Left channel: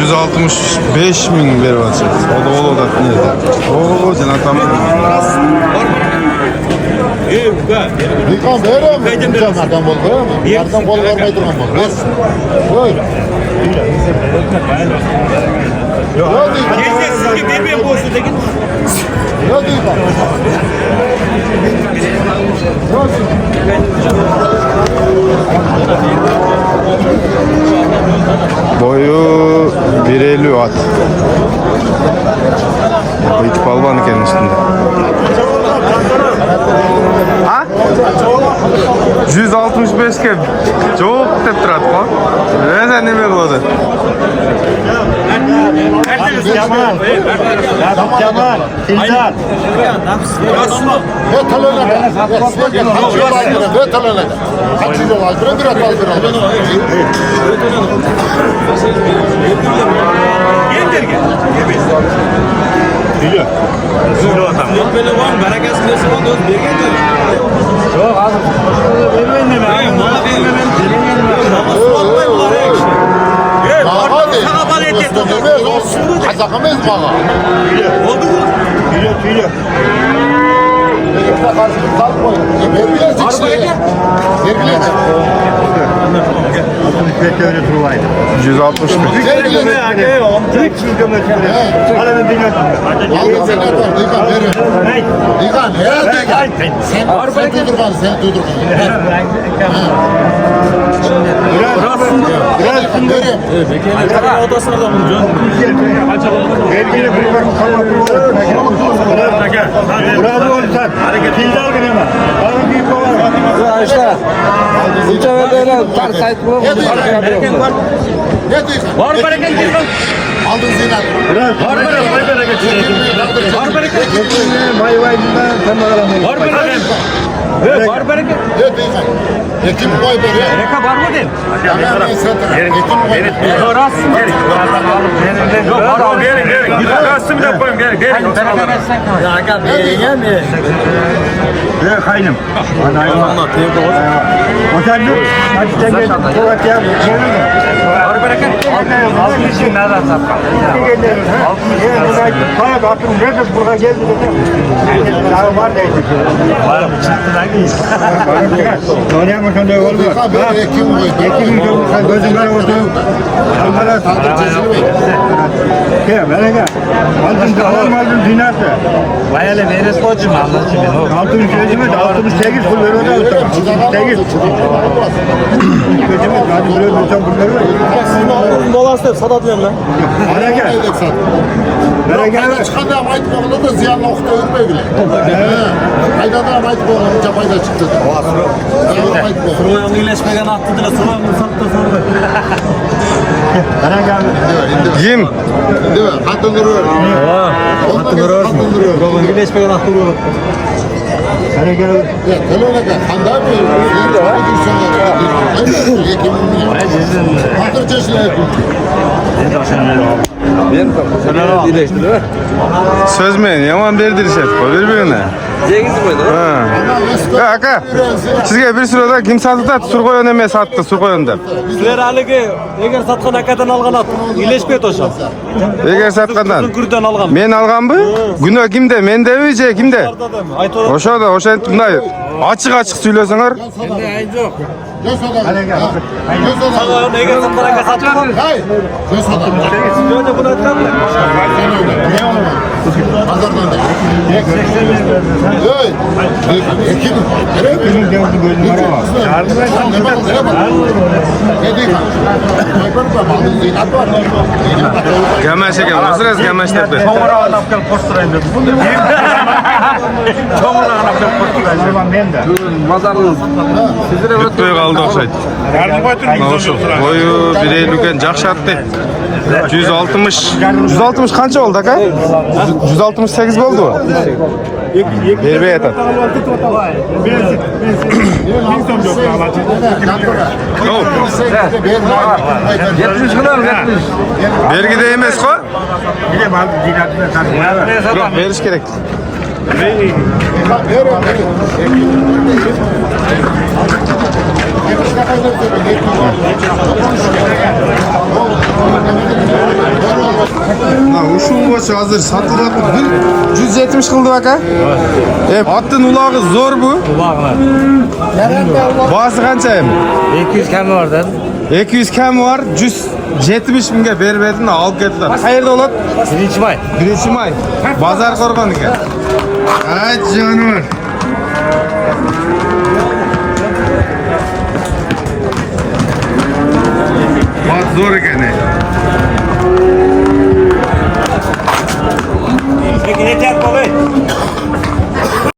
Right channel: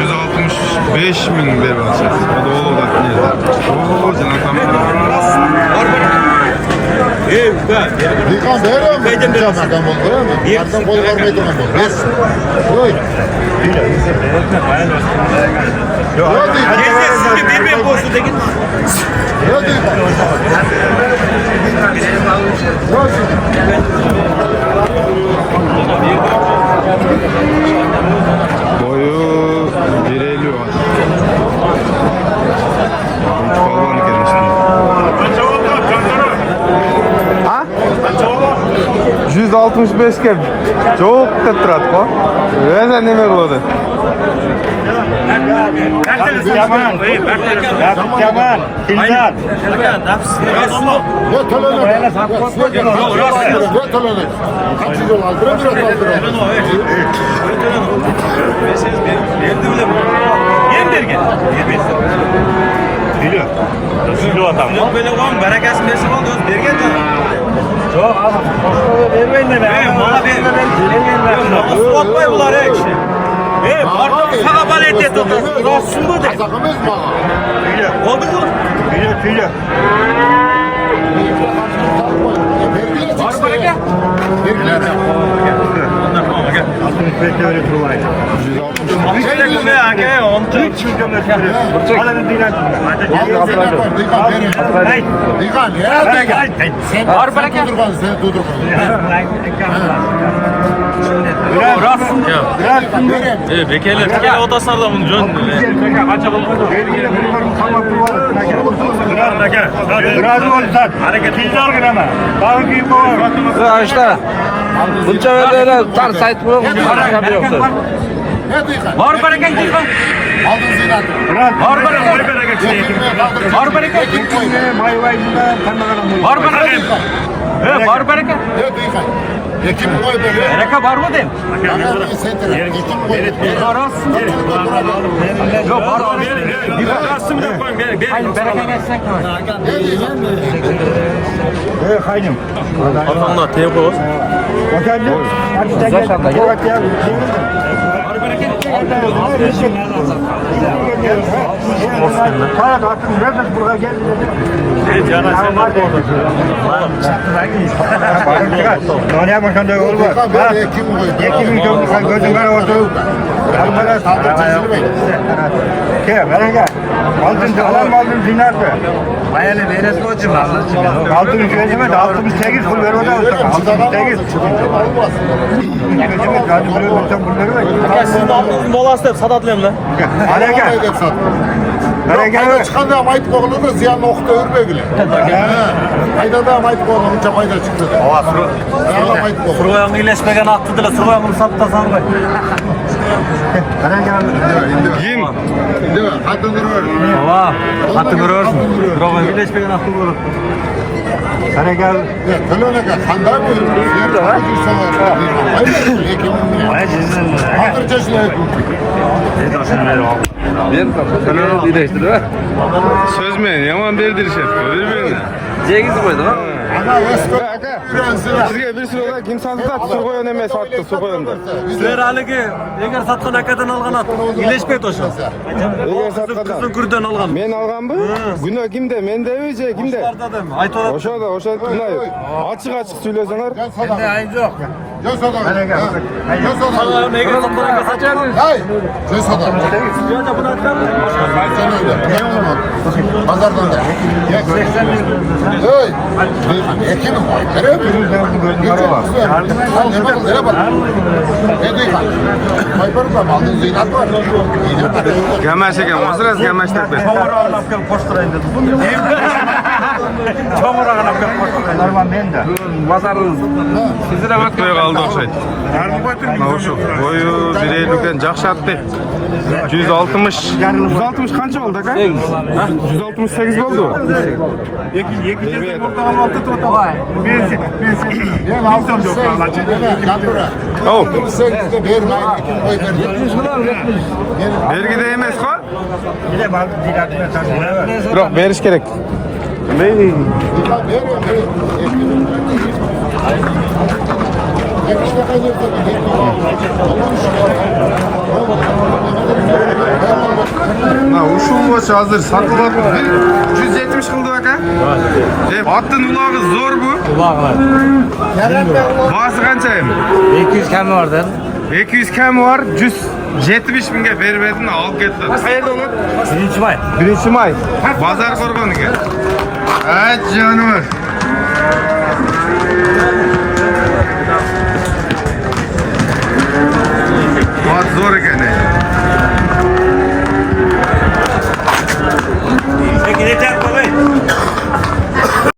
165.000 berip atsanız. O da ol da nerede? Oo, jana tam. Dikan berim. Kaydan boldu. Yardan bol vermey durgan bol. Bes. Oy. Yok. Sizge bermey bolsa degin. Yok dikan. Yok. Boyu 1.50 at. Bu iki balvan iken üstünde. Ha? 165 ke çok dep turadi ko. Neden neme kılады? Kemal. Fildan. Silo atam. Böyle var mı? Bereketsin nesi oldu? Bergen canım. Yok abi. Vermeyin de ben. Bana vermem. Nasıl bakmayın bunlar ya kişi? Pardon sana bal eti tutuyor. Rahatsız mı de? Oldu mu? Biliyor. Var mı ya? 65 öyle turvaydı. 160 mı? Türk hükümetleri. Alın dinat. Aldın sen ne var? Dikan verin. Dikan nerede gel? Sen tuydurgan, sen tuydurgan. Biraz Verin. Bekele. Bekele odasardı bunu canım. Kaça bakmadı. Biraz olsan. Hareket. Kilder gırama. Ağır gibi var. Aldın sen. Ne dikan? Var bereket dikan. Aldın zinat. Var bereket. Var bereket. Var bereket. Var bereket. Var bereket. Ne dikan? Ekim koy böyle. Bereket var mı değil? Bana sen Ekim koy. Rahatsın. Yok var abi. Bir rahatsın bir de koyun. Verin. Kaynım. Otelli. Hadi gel. Var bereket. Altın için nereden sapkan? Kaya da attım. Nerede buraya geldi dedi. Daha var geldi. Bayram çıkar. Oraya makan da olmaz. Dikan böyle Ekim koy. Ekim gözün kara oldu. Almara Tadır çeşini bey. Aldın dinardı. Bayale deniz koçum anlatayım. Altın gözüme de 68 kul ver orada olsun. 68. Gözüme hadi böyle lütfen bunları ver. Dolaştır sadat diyorum ben. Hadi gel. Yok kayda çıkanda ama ayıp oğlu da ziyanlı okuda örme bile. Kayda da ama ayıp oğlu çapayda çıktı. Ama ayıp oğlu. Sırvayanı iyileşmegen attıdılar. Sırvayanı sattı sanırım. Hadi gel. Yim. Değil mi? Hatun duruyor. Tamam. Hatun duruyor. Hatun duruyor. Sırvayanı iyileşmegen attıdılar. Hadi gel. Ya kalona ka kanda bu. Yer tabii ki sana hayır Ekim mi? Hatır çeşini. Söz mü? Yaman berdi set. Birbirine. Cengiz mi? Ama Vesko. Aka. Sizge bir sırada kim sattı da surkoyon emas sattı surkoyon dep. Sizler haligi eğer satkan akadan algan at. İyileşmeydi o şan. Eger satkandan. Kürden algan. Men alganbı? Günö kimde? Mende je kimde? Aytolar. Oşoda, mындай açık söylesеңер. Ende ayın yok. Göz adam. Hadi gel. Göz adam. Eğer satkan akadan satcan. Hay. Göz adam. Şurada bunu atkan. Sen öyle. Ne olur? Pazardan da. Hey. Ekim mi? Kimin devrin gözün kara var. Ne bakın ne bak. Ne diyor? Maybarım da aldığın zinat var. Gamaş eken, osraz gamaş tepe. Tomurağın apkel posturayım dedim. Tomurağın apkel posturayım. Normal men de. Бүтпөй калды окшойт. Ошо бою 1.50 экен, жакшы атты. 160. 160 канча болду ака? 168 болдубу? Бербей атат. Оу. 70 kılar 70. Бергиде эмес го? Yine bak dinatına Бирок бериш керек. İşte kaydırdı. boş hazır satılıp 170 kıldı bak ha. Attın ulağı zor bu. Kulağına. Bası kança emin? 200 kemi vardı. 200 kemi var 170 binge vermedin de alıp kettiler. Hayırlı olat? 1. may. 1 may. Bazar korgan ekan. Ay canım. Mat zor ekan. Peki ne tep babayı?